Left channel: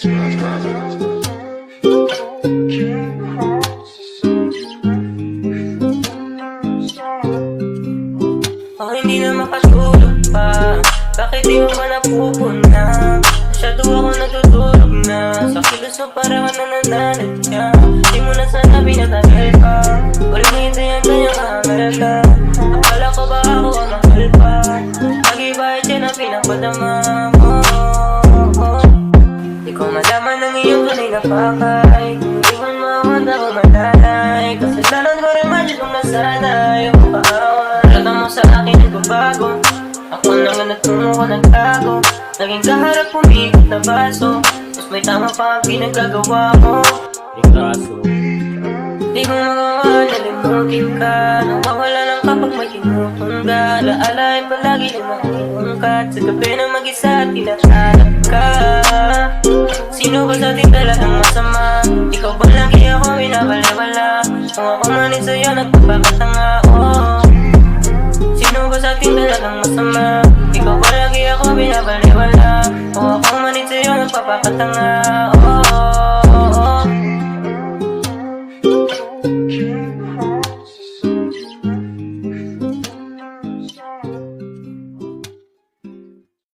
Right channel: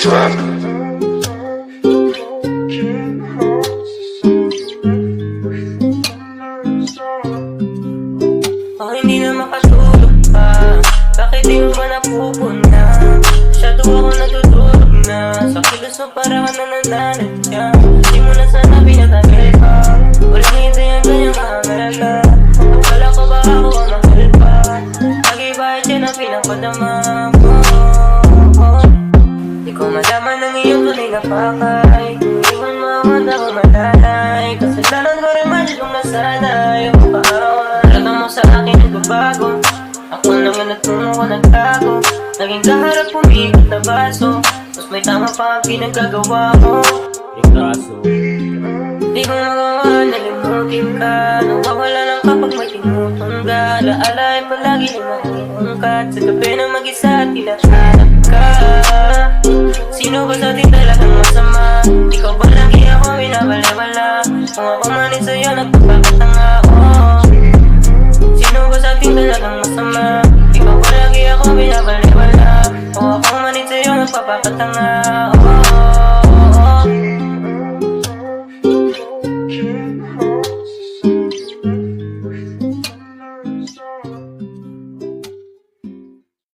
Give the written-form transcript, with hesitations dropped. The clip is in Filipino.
Oh, hindi na makatulog pa. Bakit di mo ba napupuna? Masyado ako natutulog na. Sa kilos mo para ka na nananadya. Di mo na sana pinatagal pa. Walang hindi ang ganyang kamerala. Akala ko ba ako ang mahal pa? Pag-ibahit yan ang pinapadama mo. Di ko malaman ang iyong tunay na pakay. Kung iwan mo ako handa ko malalay. Kasalanan ko rin man kung nasanay. Yung paawa talaga mo sa akin nagbabago. Ako lang ang nagtungo ko nagtago. Naging kaharap pumikot na baso. Mas may tama pa ang pinagkagawa ko. Yung kaso Di ko magawa, nalimutin ka. Nawawala lang kapag may tinutong ka. Alaala ay palagi na maungkat. Sa gabi na mag-isa at tinahanap ka. Sino ba sa atin talagang masama? Ikaw ba lagi ako binabaliwala? Kung ako manin sa'yo nagpapakatanga, oh. Sino ba sa atin talagang masama? Ikaw ba lagi ako binabaliwala? Kung ako manin sa'yo nagpapakatanga, oh.